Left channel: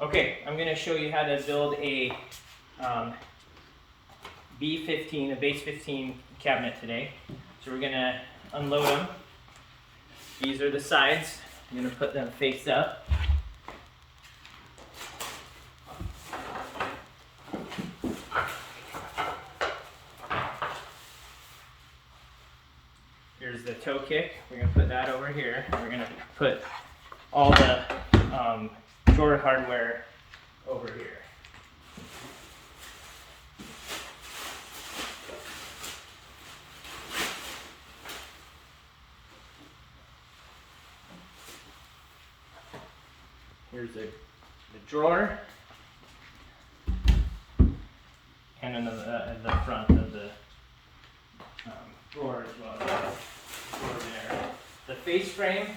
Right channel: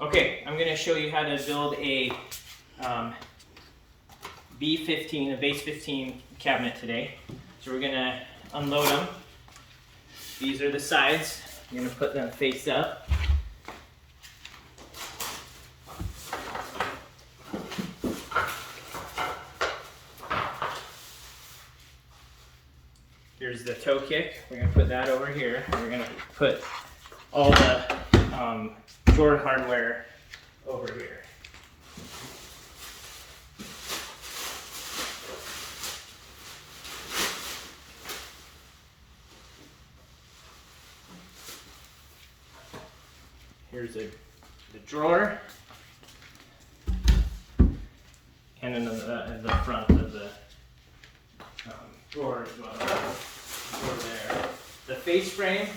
Okay, I'm going to show you how to build a B15, a base 15 cabinet today. So we're going to unload them. These are the sides. I'm going to put them face up. Here's the toe kick. We're going to put that over here. We're going to put all the drawer hardware over here. Here's the drawer and another the front of the drawer as well. Drawer there. The face frame,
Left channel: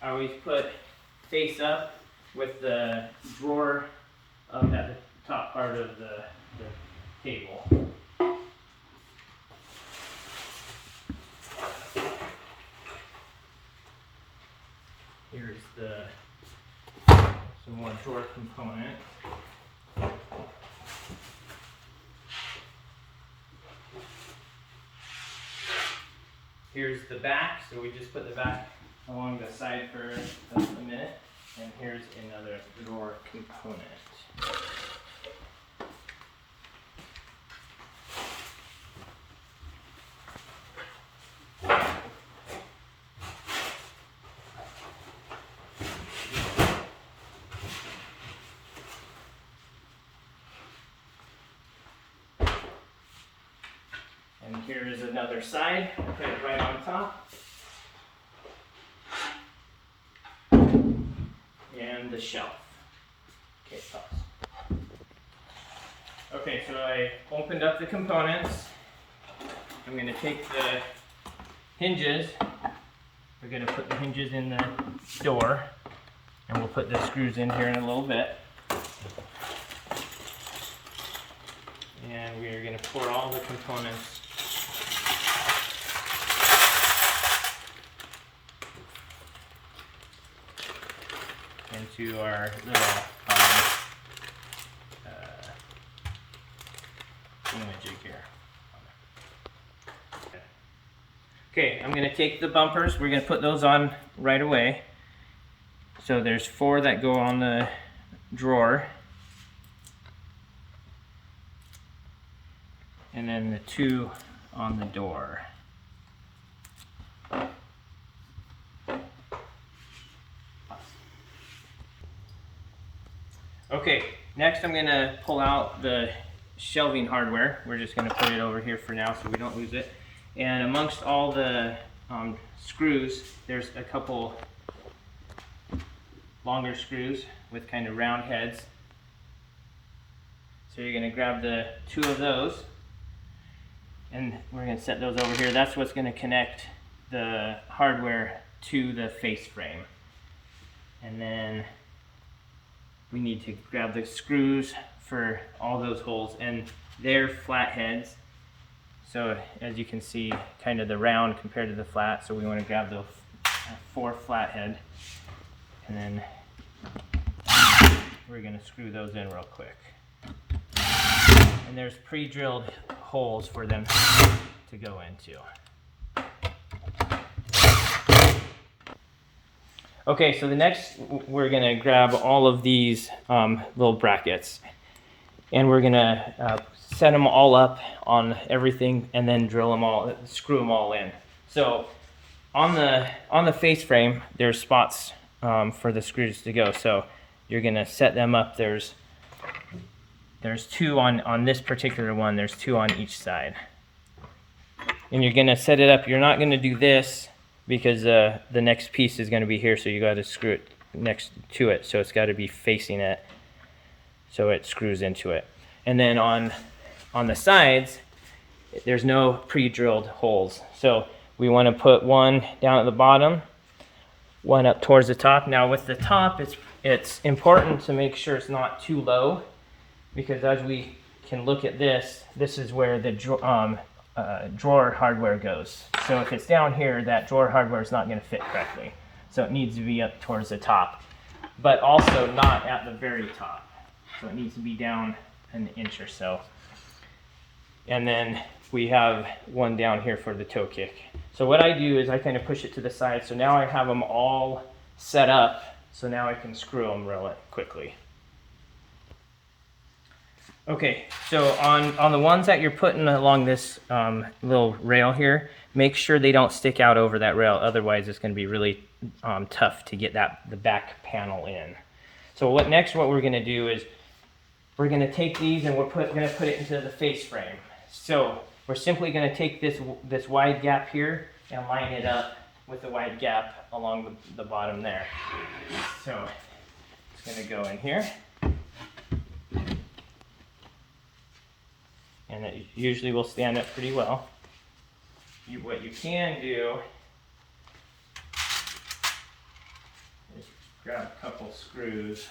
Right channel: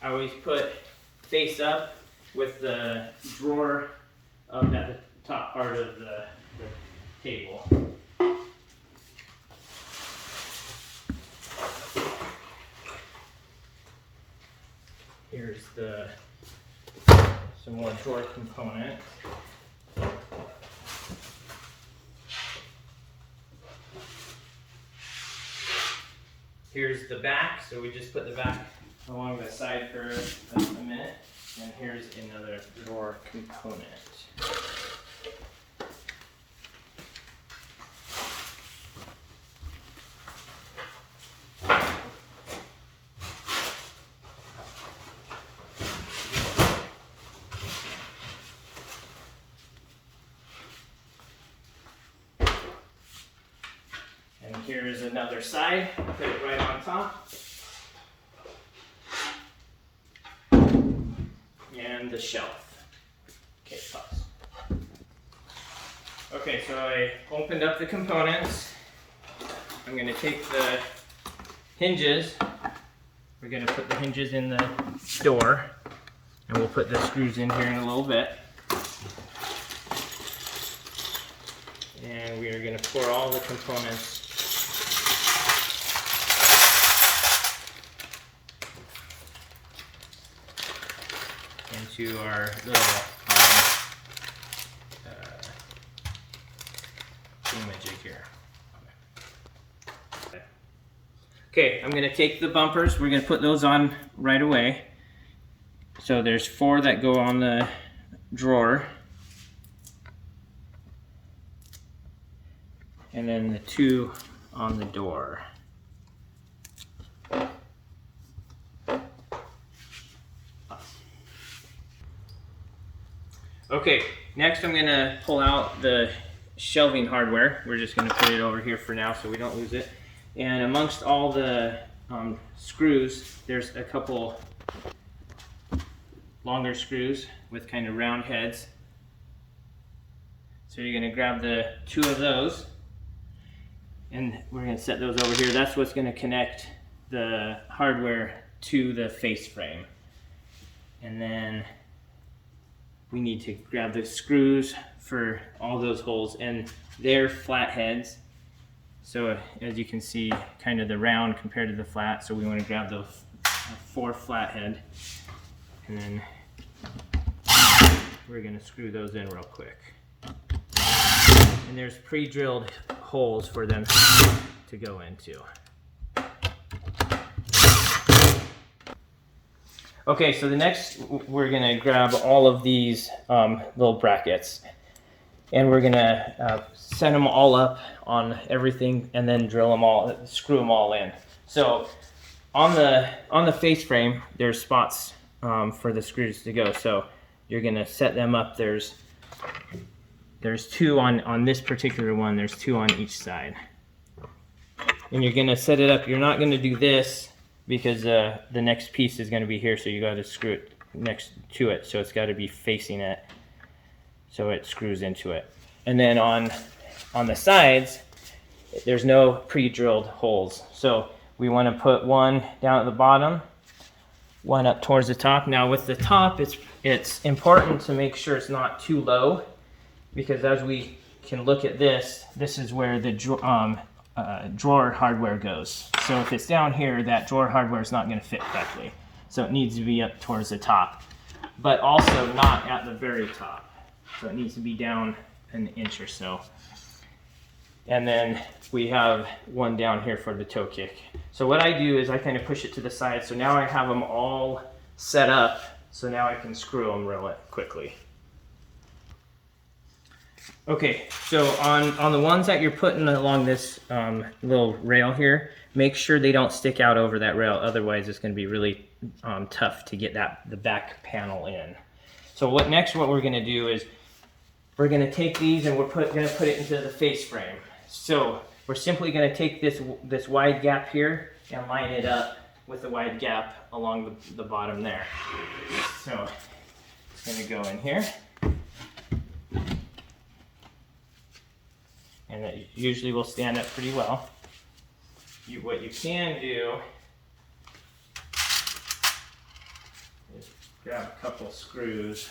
I always put face up with the drawer up at the top part of the table. Here's some more drawer components. Here's the back, so we just put the back along the side for a minute. And here's another drawer component. And here's another side, put it right on top. And the shelf. Okay, pause. Okay, so I opened up the components. I'm going to take the hinges. We're going to put the hinges in the door. And we'll put the screws in here in a little bit. And we are going to pour all the components into our little image here. Okay, I'm going to take the bumpers. We're going to put those on right away. So there's 4 that go on the drawer. And then the 2 on the door. Okay, next I'm going to pull out the shelving hardware. We're just going to put it over here for now so we don't lose it. And amongst all the screws, there's a couple longer screws with kind of round heads. So you're going to grab the 2 of those and we're going to set those over here. That's what's going to connect the hardware to the face frame. And then we need to grab the screws for all those holes, and they're flat heads. So as you can see, kind of the round compared to the flat. So we want to grab those 4 flat head, and then we're going to screw those in real quick. And there's pre-drilled holes for them to go into. Okay, so the next, we're gonna grab all of these little brackets, and we're gonna set them all up on everything, and then drill them all, screw them all in. So on the face frame, there's spots for the screws to go. So you're gonna set them up. There's 2 on this particular one. There's 2 on each side, and you're gonna set it up. You're not gonna do this, because the next piece is going to be here, so you got to screw it next to it, so it's got to be facing it so it screws into it. And then on the sides, there's no pre-drilled holes, so we want to put one down at the bottom, one up towards the top. Now with the top, it's important to make sure it's not too low, because as we can look at this is where the drawer hardware goes. So if it's down here, that drawer hardware is not going to fit correctly. So it needs to be up towards the top. but also not at the very top. So it needs to be down an inch or so. And then we have one down here for the toe kick. So what I do is I kind of push it to the side. So now I have them all set up. So now I can screw them real quickly. Okay, so on the ones that you're putting along this little rail here, make sure they don't stick out over that rail. Otherwise, it's going to be really tough to get the back panel in. So what we're going to do is we're going to take these and we're going to put it into the face frame. So we're simply going to take this wide gap here and line it up with the wide gap along the bottom there. So it's going to go in here. And it usually will stand up pretty well. What you can do is grab a couple screws.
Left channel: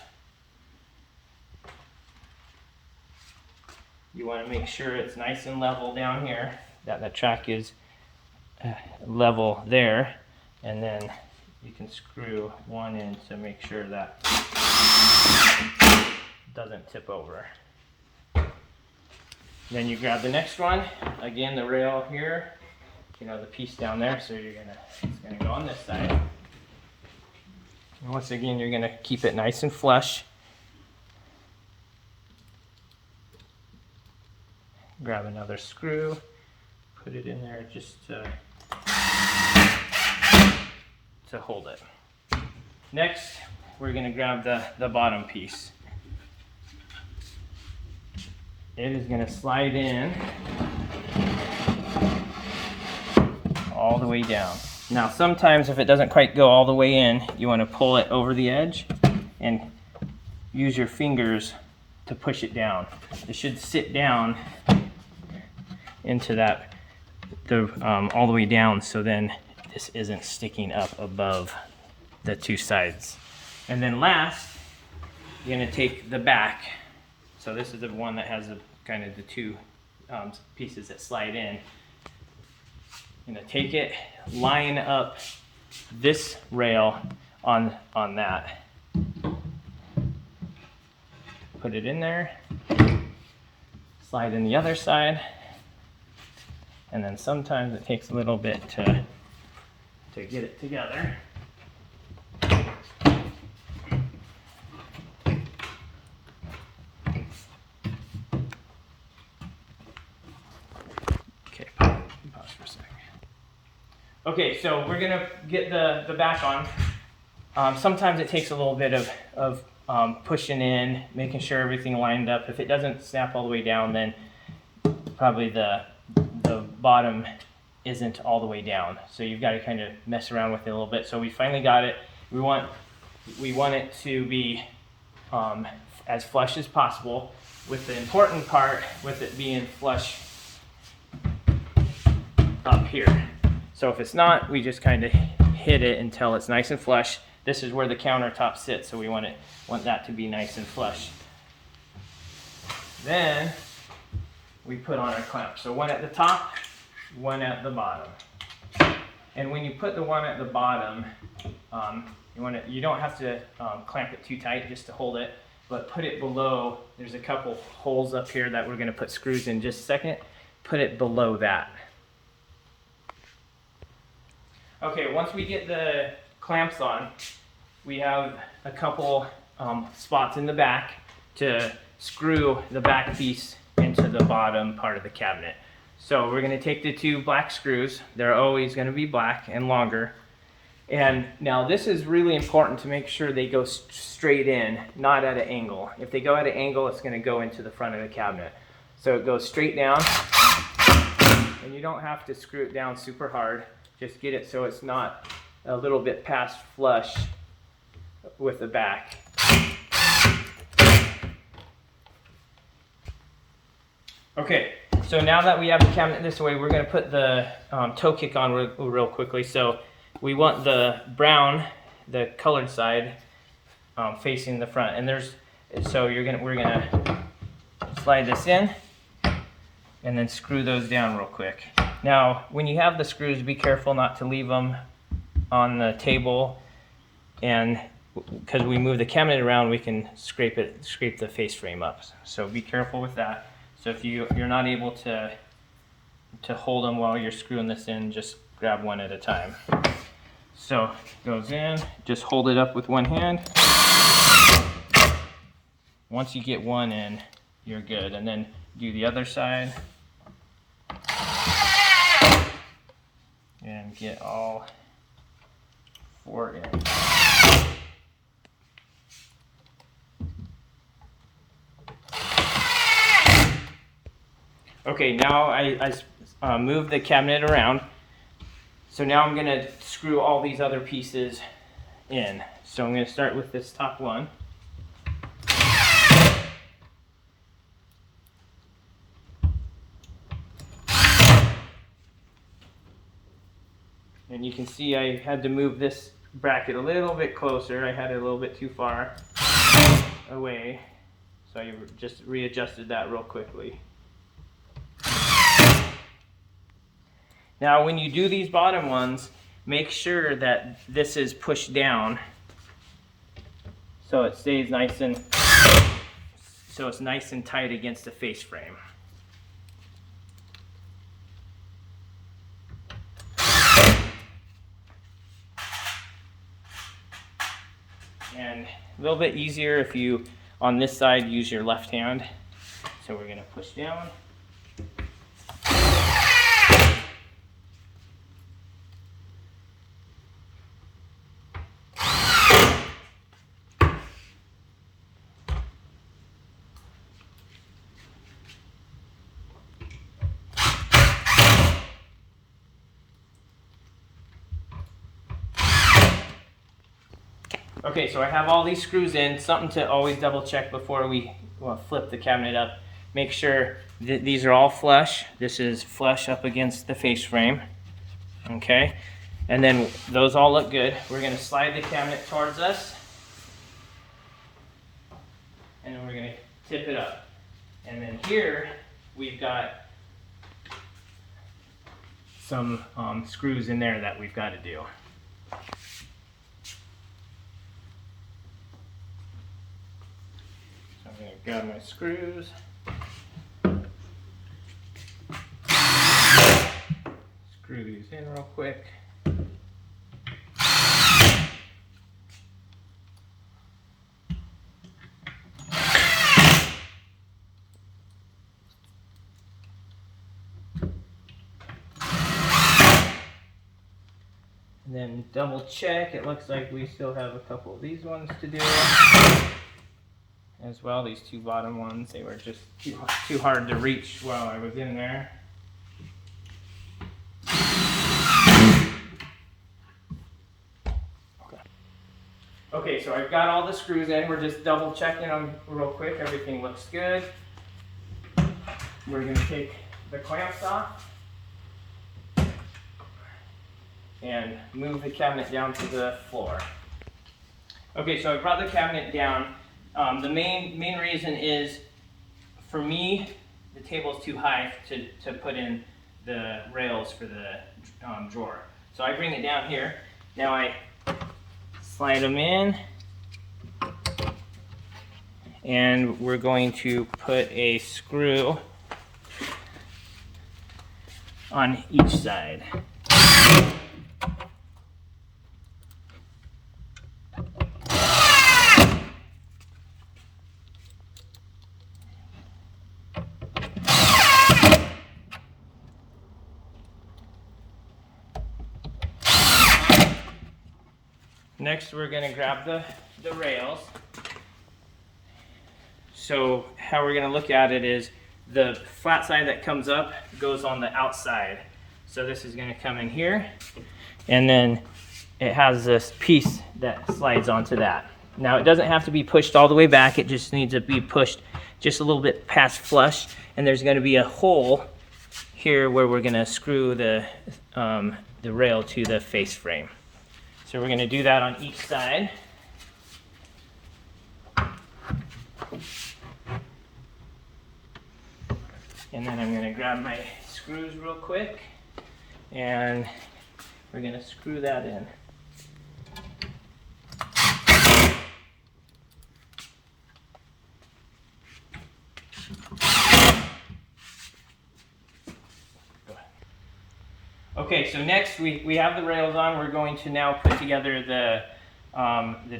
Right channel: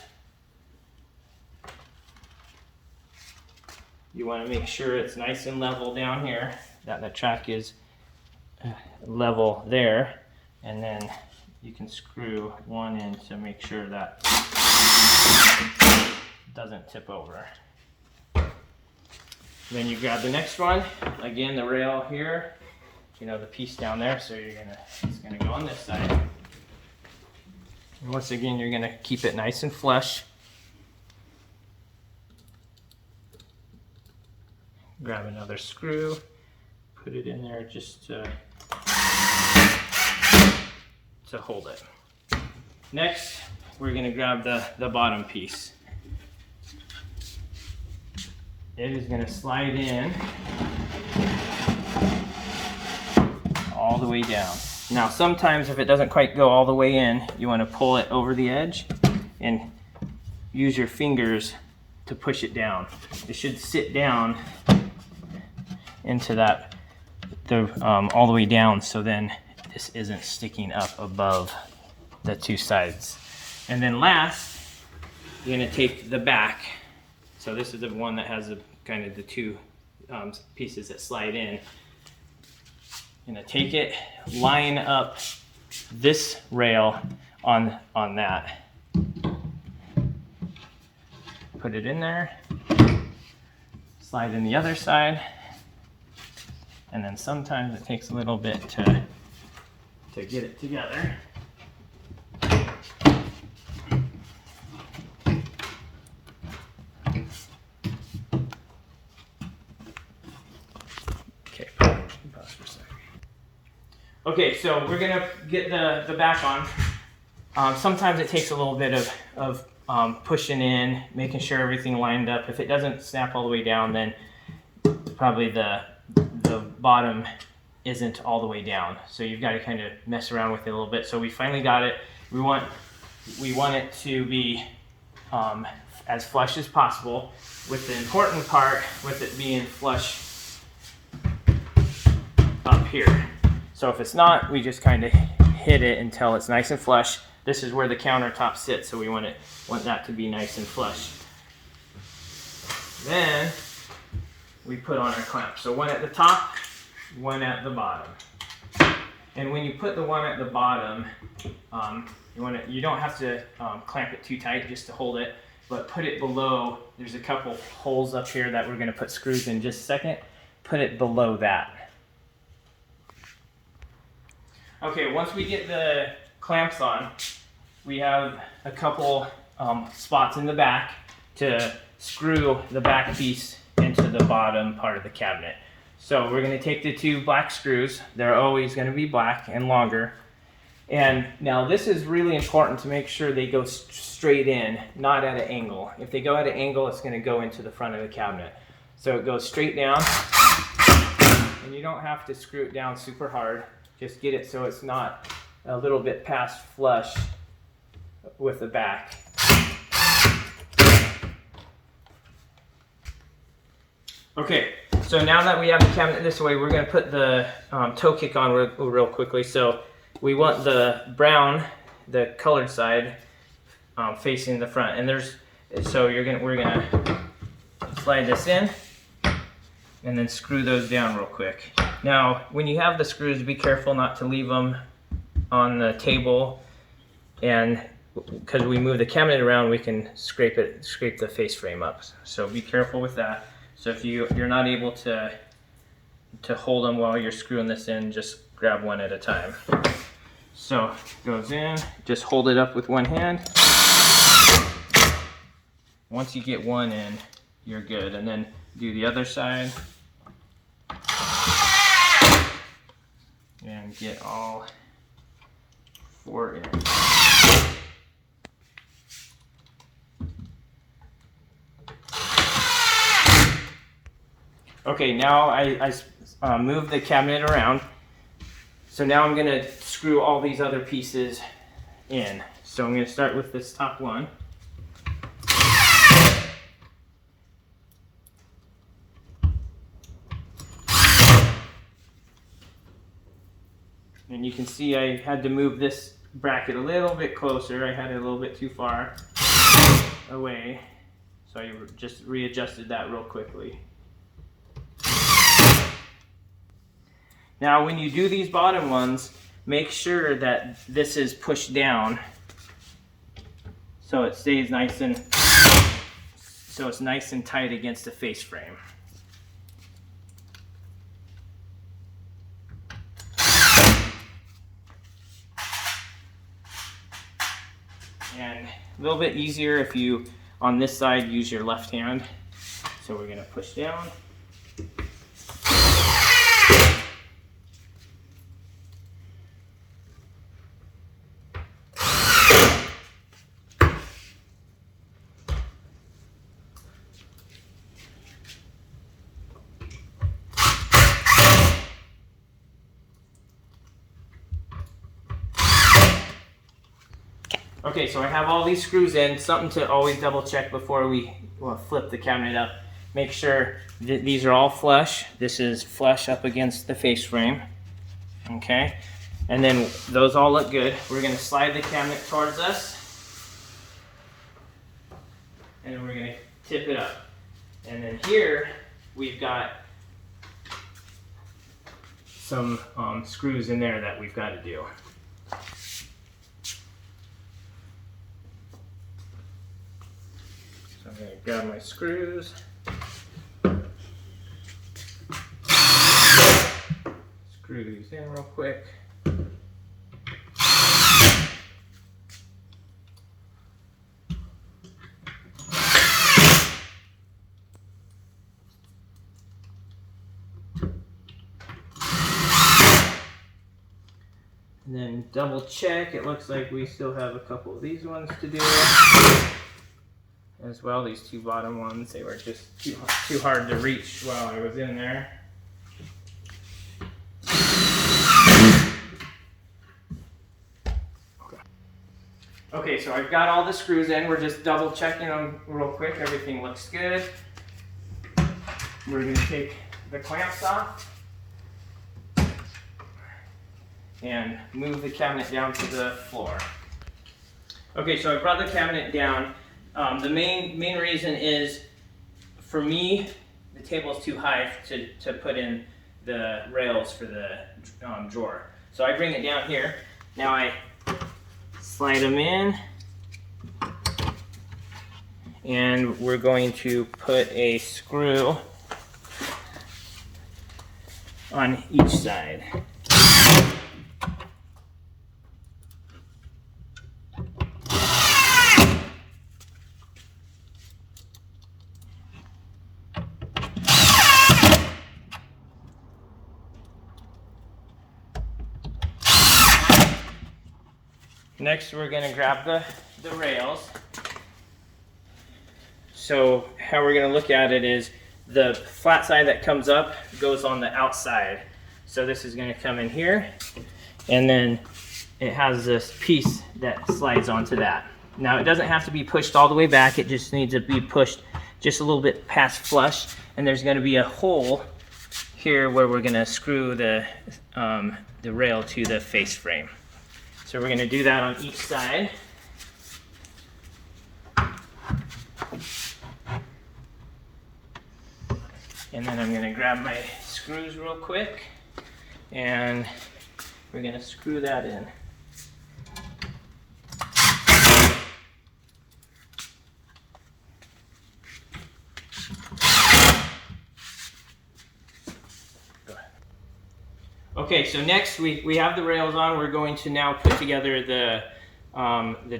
You want to make sure it's nice and level down here, that the track is level there, and then you can screw one in to make sure that doesn't tip over. Then you grab the next one, again the rail here, the piece down there, so it's gonna go on this side. And once again, you're gonna keep it nice and flush. Grab another screw, put it in there just to hold it. Next, we're gonna grab the bottom piece. It is going to slide in all the way down. Now sometimes if it doesn't quite go all the way in, you want to pull it over the edge and use your fingers to push it down. It should sit down into that all the way down, so then this isn't sticking up above the two sides. And then last, you're going to take the back. So this is the one that has kind of the two pieces that slide in. I'm gonna take it, line up this rail on that. Put it in there, slide in the other side, and then sometimes it takes a little bit to get it together. Okay, so we're gonna get the back on. Sometimes it takes a little bit of pushing in, making sure everything lined up. If it doesn't snap all the way down, then probably the bottom isn't all the way down. So you've got to kind of mess around with it a little bit. So we finally got it. We want it to be as flush as possible, with the important part with it being flush up here. So if it's not, we just kind of hit it until it's nice and flush. This is where the countertop sits, so we want that to be nice and flush. Then we put on our clamp. So one at the top, one at the bottom. And when you put the one at the bottom, you don't have to clamp it too tight just to hold it, but put it below. There's a couple holes up here that we're going to put screws in just a second. Put it below that. Okay, once we get the clamps on, we have a couple spots in the back to screw the back piece into the bottom part of the cabinet. So we're going to take the two black screws. They're always going to be black and longer. And now this is really important to make sure they go straight in, not at an angle. If they go at an angle, it's going to go into the front of the cabinet. So it goes straight down, and you don't have to screw it down super hard. Just get it so it's not a little bit past flush with the back. Okay, so now that we have the cabinet this way, we're going to put the toe kick on real quickly. So we want the brown, the colored side, facing the front. And we're gonna slide this in and then screw those down real quick. Now, when you have the screws, be careful not to leave them on the table, and because we move the cabinet around, we can scrape the face frame up. So be careful with that. So if you're not able to hold them while you're screwing this in, just grab one at a time. So goes in, just hold it up with one hand. Once you get one in, you're good. And then do the other side. And get all 4 in. Okay, now I moved the cabinet around. So now I'm going to screw all these other pieces in. So I'm going to start with this top one. And you can see I had to move this bracket a little bit closer. I had it a little bit too far away. So I just readjusted that real quickly. Now when you do these bottom ones, make sure that this is pushed down so it stays nice and it's nice and tight against the face frame. And a little bit easier if you, on this side, use your left hand. So we're going to push down. Okay, so I have all these screws in. Something to always double check before we flip the cabinet up. Make sure that these are all flush. This is flush up against the face frame. Okay, and then those all look good. We're going to slide the cabinet towards us. And we're going to tip it up. And then here we've got some screws in there that we've got to do. I'm going to grab my screws. Screw these in real quick. And then double check. It looks like we still have a couple of these ones to do. As well, these two bottom ones, they were just too hard to reach while I was in there. Okay, so I've got all the screws in. We're just double checking them real quick. Everything looks good. We're going to take the clamps off and move the cabinet down to the floor. Okay, so I brought the cabinet down. The main reason is, for me, the table is too high to put in the rails for the drawer. So I bring it down here. Now I slide them in, and we're going to put a screw on each side. Next, we're going to grab the rails. So how we're going to look at it is the flat side that comes up goes on the outside. So this is going to come in here, and then it has this piece that slides onto that. Now it doesn't have to be pushed all the way back, it just needs to be pushed just a little bit past flush, and there's going to be a hole here where we're going to screw the rail to the face frame. So we're going to do that on each side. And then I'm going to grab my screws real quick, and we're going to screw that in. Okay, so next we have the rails on. We're going to now put together the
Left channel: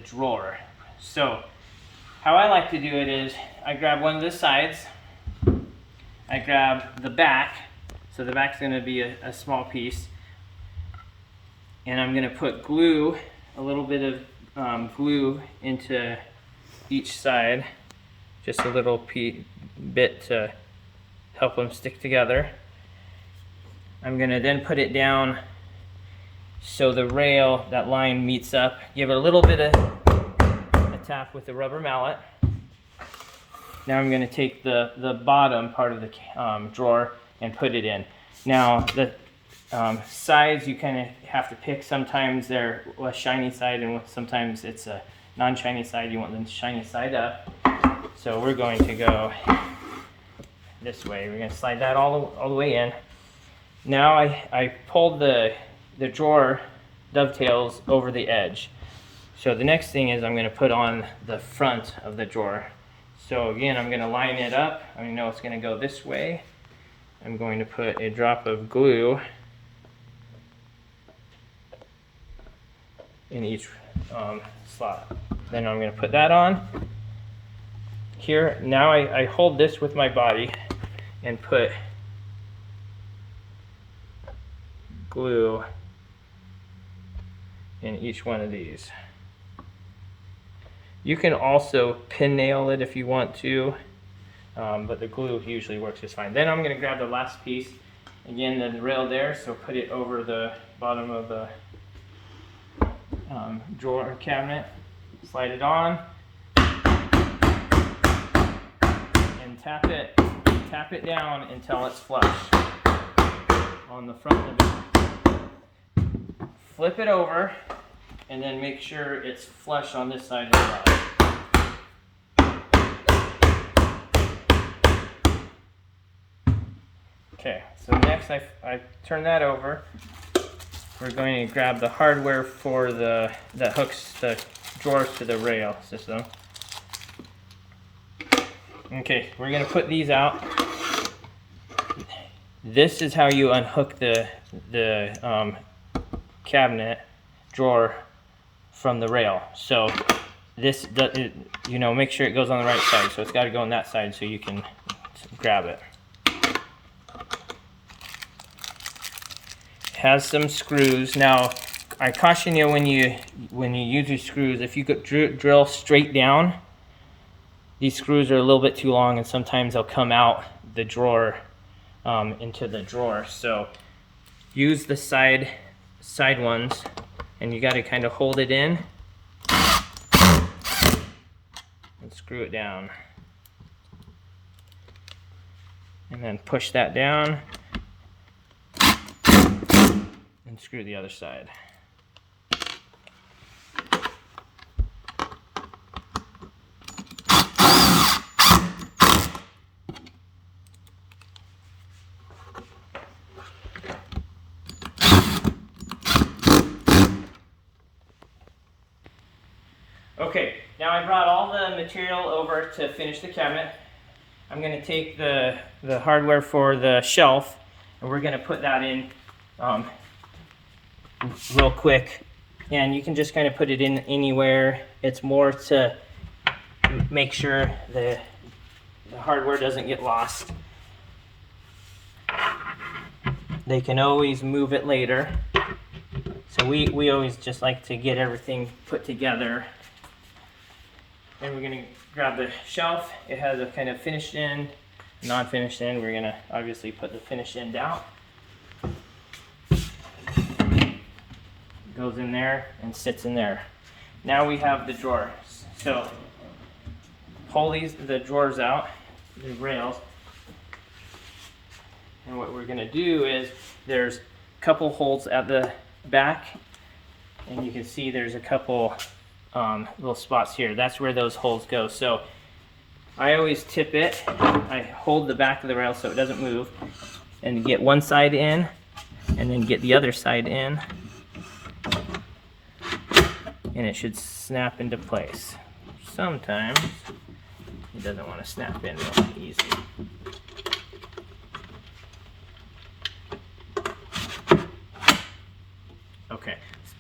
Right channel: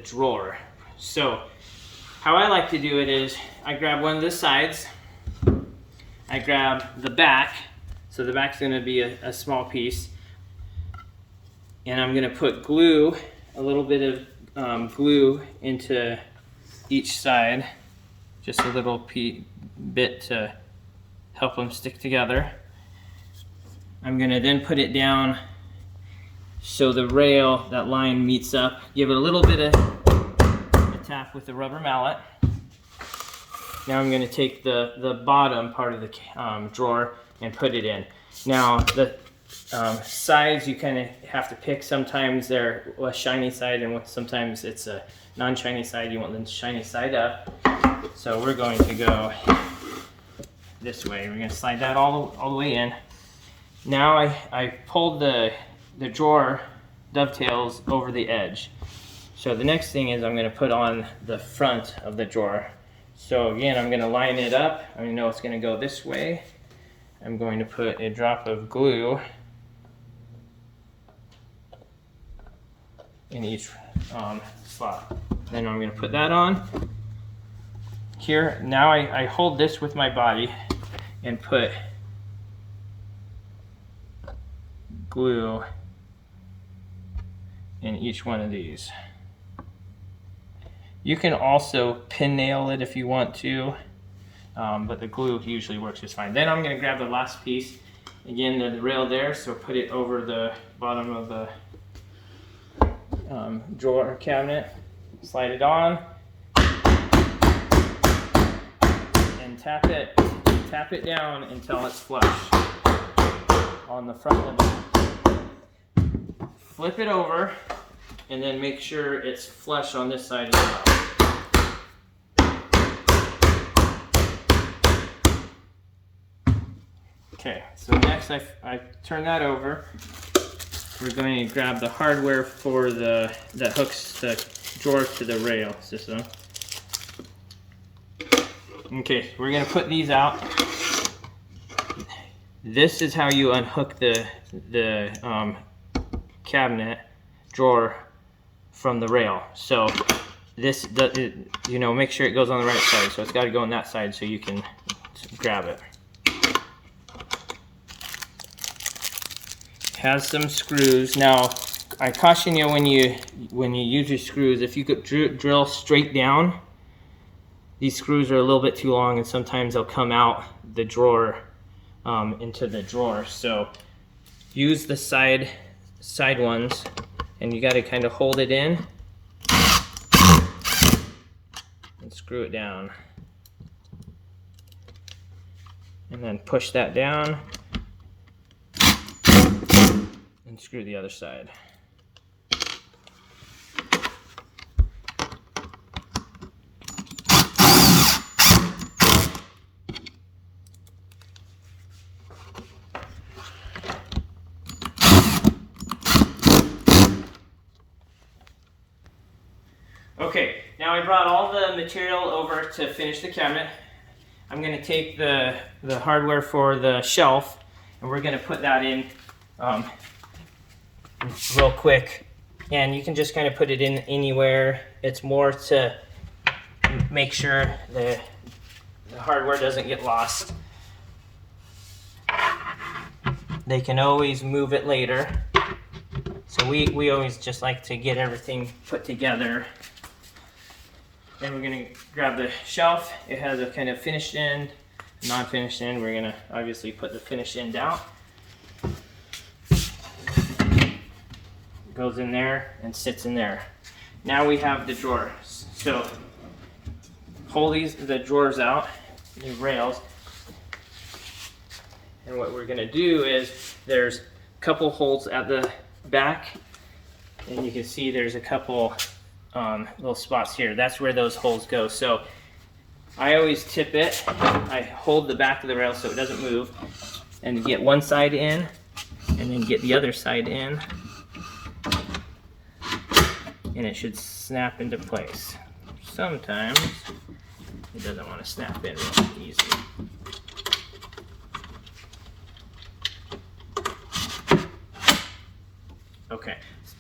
drawer. So how I like to do it is I grab one of the sides, I grab the back, so the back's going to be a small piece, and I'm going to put glue, a little bit of glue into each side, just a little bit to help them stick together. I'm going to then put it down so the rail, that line meets up. Give it a little bit of a tap with the rubber mallet. Now I'm going to take the bottom part of the drawer and put it in. Now the sides you kind of have to pick. Sometimes they're a shiny side and sometimes it's a non-shiny side. You want the shiny side up. So we're going to go this way. We're going to slide that all the way in. Now I pulled the drawer dovetails over the edge. So the next thing is I'm going to put on the front of the drawer. So again, I'm going to line it up. I know it's going to go this way. I'm going to put a drop of glue in each slot. Then I'm going to put that on. Here, now I hold this with my body and put glue in each one of these. You can also pin nail it if you want to, but the glue usually works just fine. Then I'm going to grab the last piece, again the rail there, so put it over the bottom of the drawer cabinet, slide it on, and tap it down until it's flush on the front of the. Flip it over, and then make sure it's flush on this side as well. Okay, so next I turn that over. We're going to grab the hardware for that hooks the drawers to the rail system. Okay, we're going to put these out. This is how you unhook the cabinet drawer from the rail. So this, make sure it goes on the right side. So it's got to go on that side so you can grab it. It has some screws. Now I caution you when you use your screws, if you could drill straight down, these screws are a little bit too long and sometimes they'll come out the drawer into the drawer. So use the side ones, and you got to kind of hold it in and screw it down, and then push that down and screw the other side. Okay, now I brought all the material over to finish the cabinet. I'm going to take the hardware for the shelf, and we're going to put that in real quick. And you can just kind of put it in anywhere. It's more to make sure the hardware doesn't get lost. They can always move it later. So we always just like to get everything put together. Then we're going to grab the shelf. It has a kind of finished end, non-finished end. We're going to obviously put the finished end out. Goes in there and sits in there. Now we have the drawers. So pull the drawers out, the rails. And what we're going to do is there's a couple holes at the back, and you can see there's a couple little spots here. That's where those holes go. So I always tip it. I hold the back of the rail so it doesn't move, and get one side in and then get the other side in, and it should snap into place. Sometimes it doesn't want to snap in real easy.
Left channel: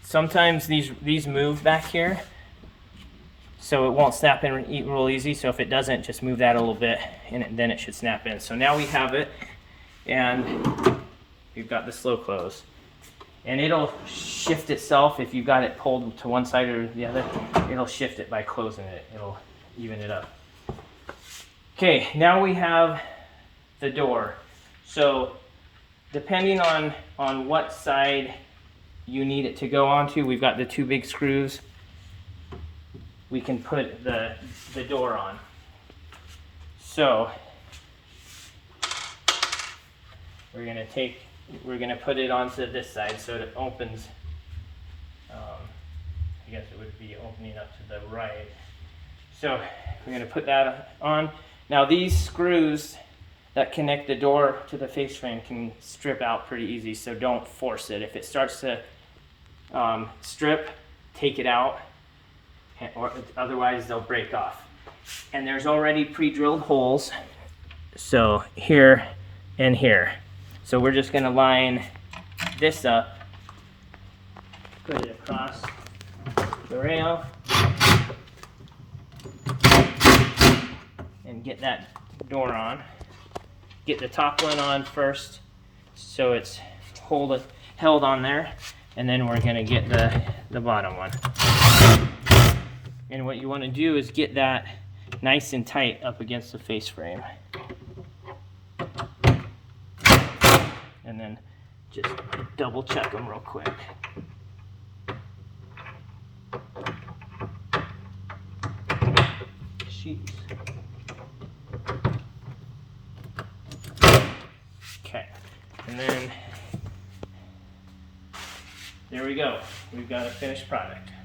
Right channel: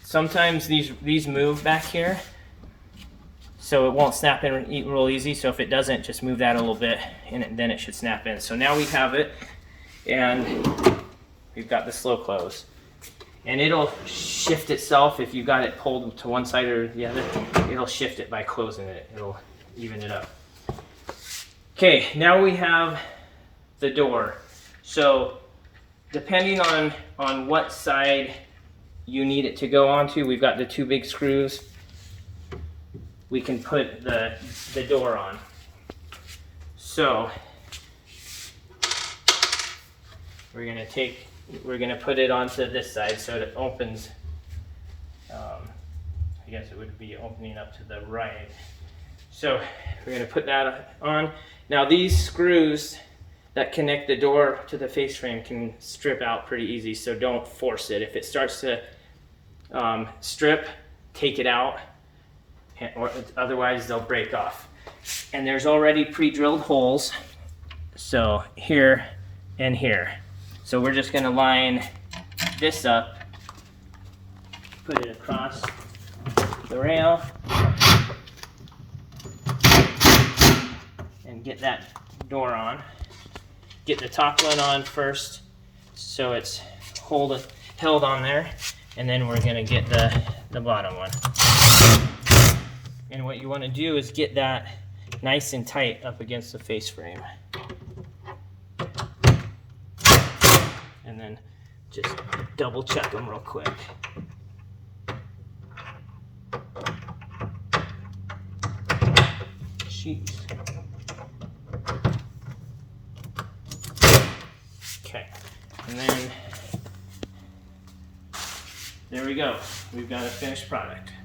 sometimes these move back here, so it won't snap in real easy. So if it doesn't, just move that a little bit, and then it should snap in. So now we have it, and we've got the slow close. And it'll shift itself if you got it pulled to one side or the other. It'll shift it by closing it. It'll even it up. Okay, now we have the door. So depending on what side you need it to go onto, we've got the two big screws. We can put the door on. So we're gonna put it onto this side so it opens. I guess it would be opening up to the right. So we're gonna put that on. Now these screws that connect the door to the face frame can strip out pretty easy, so don't force it. If it starts to strip, take it out, or otherwise they'll break off. And there's already pre-drilled holes, so here and here. So we're just gonna line this up, put it across the rail, and get that door on. Get the top one on first, so it's held on there, and then we're gonna get the bottom one. And what you wanna do is get that nice and tight up against the face frame. And then just double check them real quick. Jeez. Okay, and then there we go. We've got a finished product.